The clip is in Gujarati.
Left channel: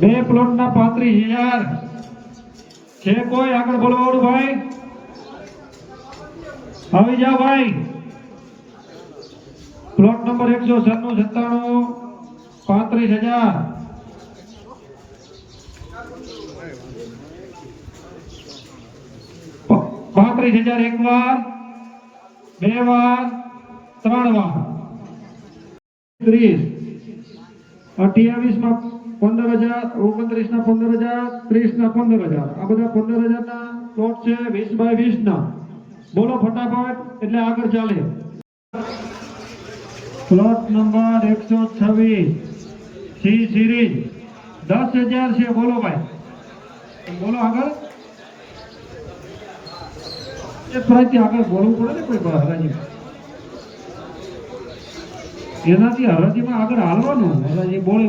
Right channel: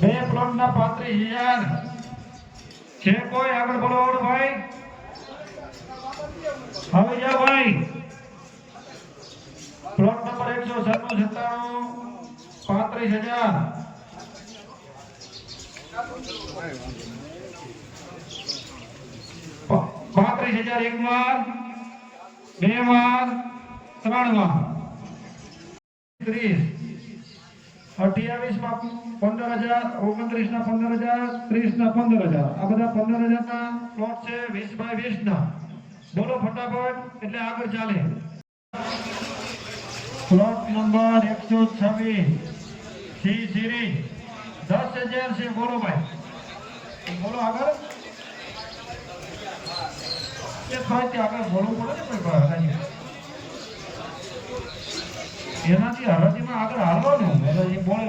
બે પ્લોટના પાંત્રીસ હિયાર. છે કોઈ આગળ બોલવાવાળું ભાઈ આવી જાઓ ભાઈ. પ્લોટ નંબર એકસો સન્નું સત્તાણું. પાંત્રીસ હજાર. પાંત્રીસ હજાર એક વાર. બે વાર. ત્રણ વાર. ત્રીસ અઠ્યાવીસમાં પંદર હજાર ઓગણત્રીસ ના પંદર હજાર ત્રીસ ના પંદર હજાર. આ બધા પંદર હજાર ના પ્લોટ છે વીસ બાય વીસ ના બોલો ફટાફટ, એટલે આગળ ચાલે. પ્લોટ નંબર એકસો છવ્વીસ. સી સિરીઝ દસ હજાર છે, બોલો ભાઈ. બોલો આગળ. એ થોડી આગળ બોલવું પડે ને કોઈ હરાજી. એનાથી હરાજીમાં આગળ હાલવાનું એ બોલે